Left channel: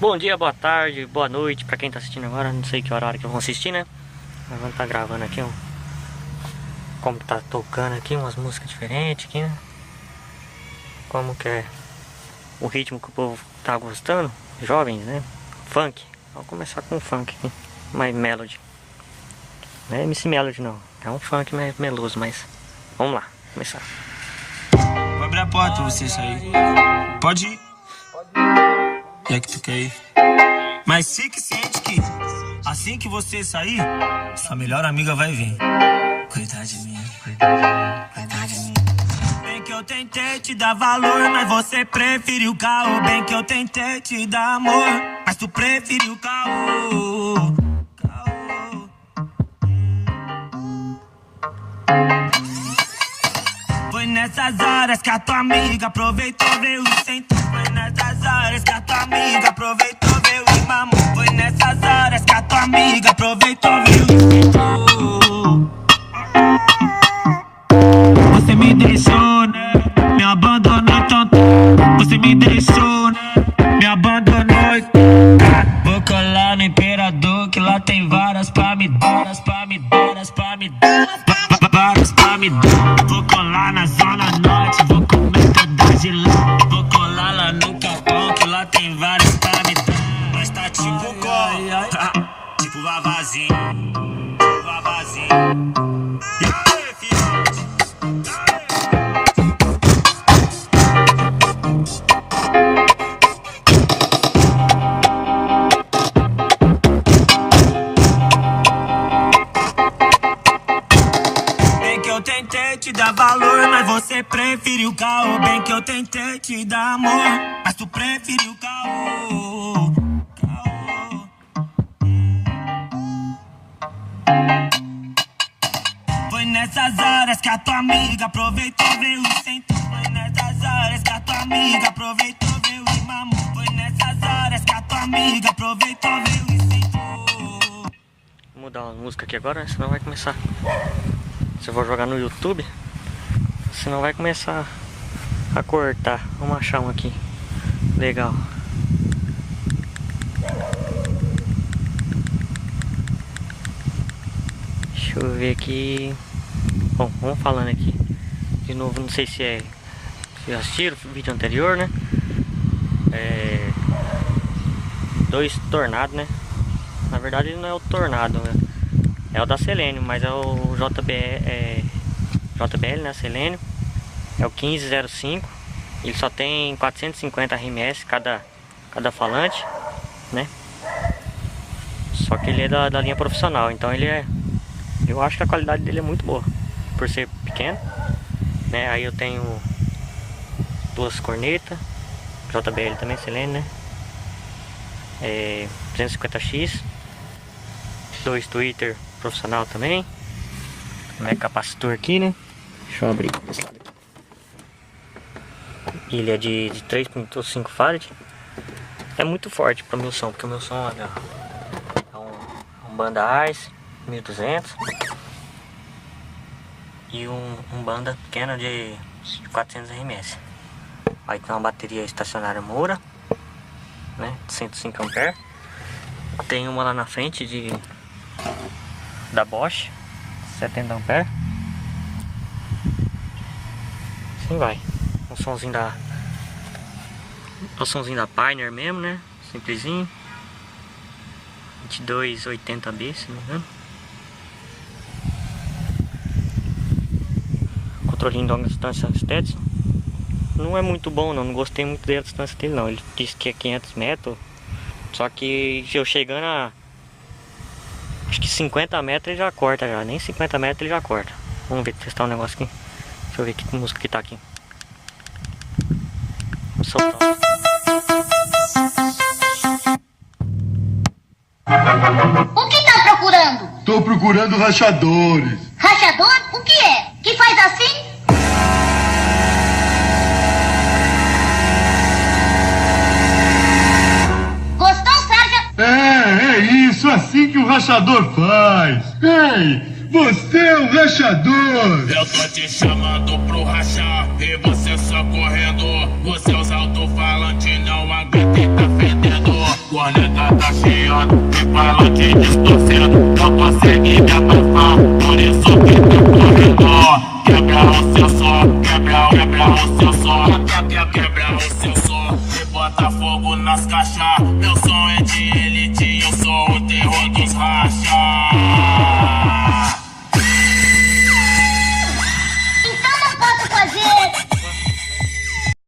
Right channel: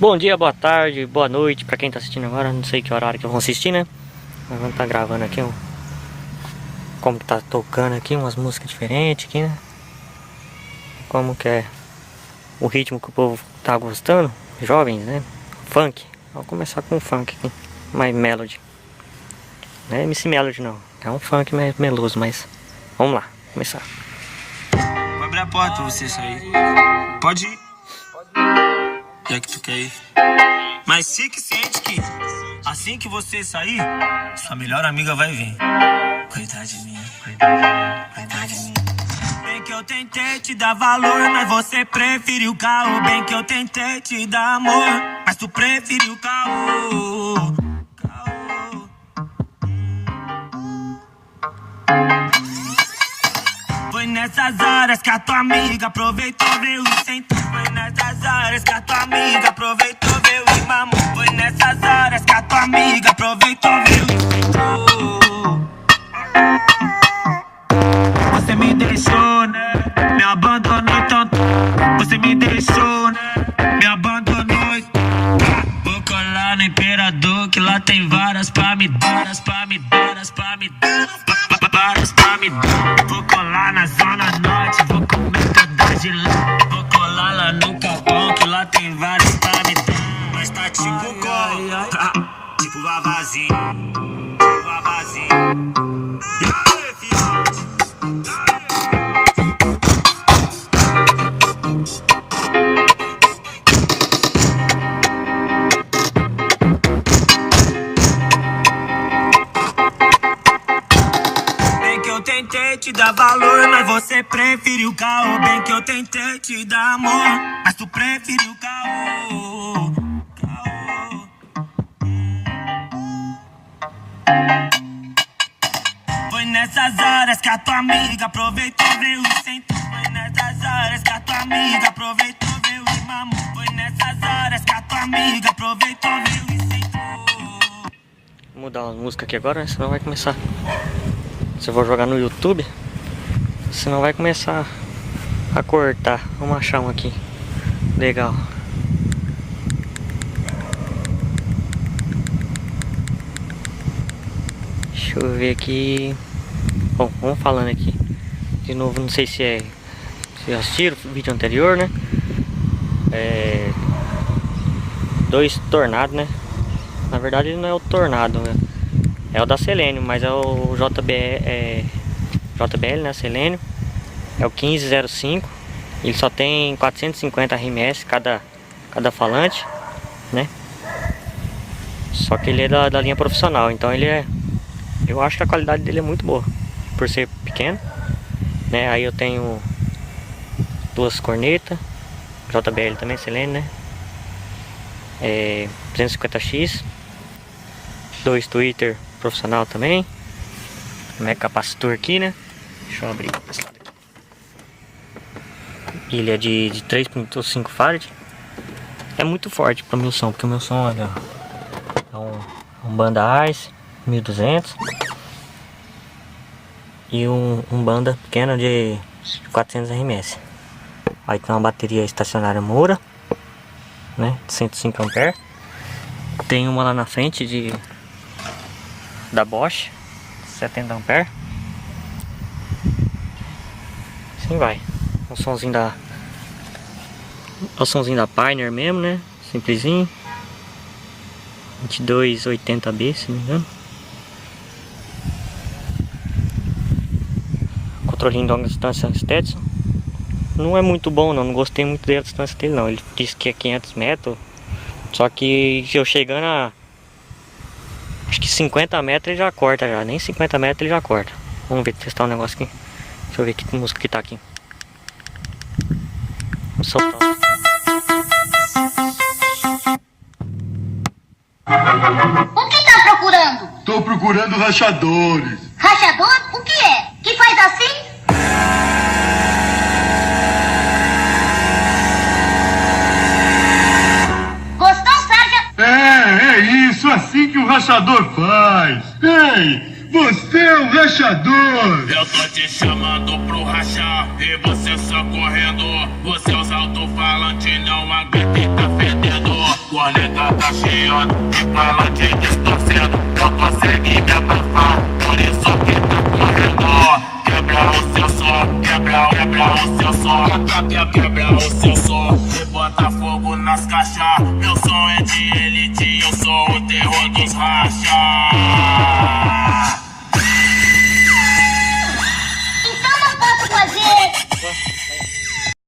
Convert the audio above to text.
Bom dia, boa tarde, boa noite pra quem tá assistindo agora. Não sei que horário que eu vou assistir, né? Mas vamos tá gravando aqui como que tá tocando aqui, umas músicas diferentes aqui, né? Como que é o ritmo que o povo tá gostando, jovens, né? Funk. Vamos começar com o funk aqui, mais melody. Não é MC Melody não, é um funk mais meloso, mas vamos lá, começar. Vou abrir a porta pra você sair. Pode ir. Já que tu quer ir. Mas fique ciente que assim que você sair, sua melhor amiga vai vir. Coitada de mim, coitada de mim. Bem que eu tentei te dar valor, mas você preferiu caô. Bem que eu tentei te dar amor, mas tu preferiu caô. Foi nessas horas que a tua amiga aproveitou, veio e sentou. Foi nessas horas que a tua amiga aproveitou, veio e mamou. Foi nessas horas que a tua amiga aproveitou, veio e sentou. Você me deixou, né? Me abandonou tanto. Você me deixou, né? Me abandonou. Vou colar no Imperador, que lá tem várias pra me dar, várias pra me dar, várias pra me dar, várias pra me dar. Vou colar na Zona Norte, vou comer todas de lá. Vou colar lá no Capão, que lá tem várias pra me dar. Mas tá tipo cor, tipo vavazinho, tipo vavazinho. Tentei te dar valor, mas você preferiu caô. Bem que eu tentei te dar amor, mas tu preferiu caô. Foi nessas horas que a tua amiga aproveitou, veio e sentou. Foi nessas horas que a tua amiga aproveitou, veio e mamou. Foi nessas horas que a tua amiga aproveitou, veio e sentou. Vou mudar uma música aqui agora, senão vai começar. Se eu vou jogar no YouTube, senão vai começar a cortar. Vamos achar um aqui legal. Deixa eu ver aqui. Bom, vamos falando aqui. De novo, não sei se já assistiram o vídeo anterior, né? Dois tornados, né? Na verdade não é o tornado, né? É o da Selênio, mas é o JBL, né, Selênio. É o 1505. Ele só tem 450 RMS cada falante, né? Só que ele é da linha profissional, então ele é... Eu acho que a qualidade dele é muito boa, por ser pequeno, né? Aí eu tenho duas cornetas, JBL também, Selênio, né? 350X, dois tweeter profissional também. Capacitor aqui, né? Deixa eu abrir esse lado aqui. Ele é de 3.5 farad. É muito forte para o meu som, porque o meu som é um banda Ice 1200 e um banda pequeno de 400 RMS. Aí tem uma bateria estacionária Moura, né? De 105 A. Tem uma lá na frente da Bosch, 70 A. Assim vai. O somzinho da Pioneer mesmo, né? Simplesinho. 2280B, se não me engano. Controlinho de longa distância Stetson. Não é muito bom não gostei muito da distância dele não. Ele disse que é 500 metros. Só que eu chegando a... acho que 50 metros ele já corta já. Nem 50 metros ele já corta. Vamos ver, testar um negócio aqui. Deixa eu ver que música que tá aqui. Vamos soltar. O que tá procurando? Tô procurando rachadores. Rachador? O que é? Que faz assim? Gostou, Sálvia? É isso, assim que um rachador faz. Ei, você é um rachador. Eu tô te chamando pro rachar e você só correndo. Você usa alto-falante, não aguenta e tá fedendo. idiota, me fala te distorcendo, não consegue me abafar, por isso fica correndo. Quebra o seu som, quebra o seu som, quebra o seu som, e bota fogo nas caixas. Meu som é de elite, eu sou o terror dos rachas.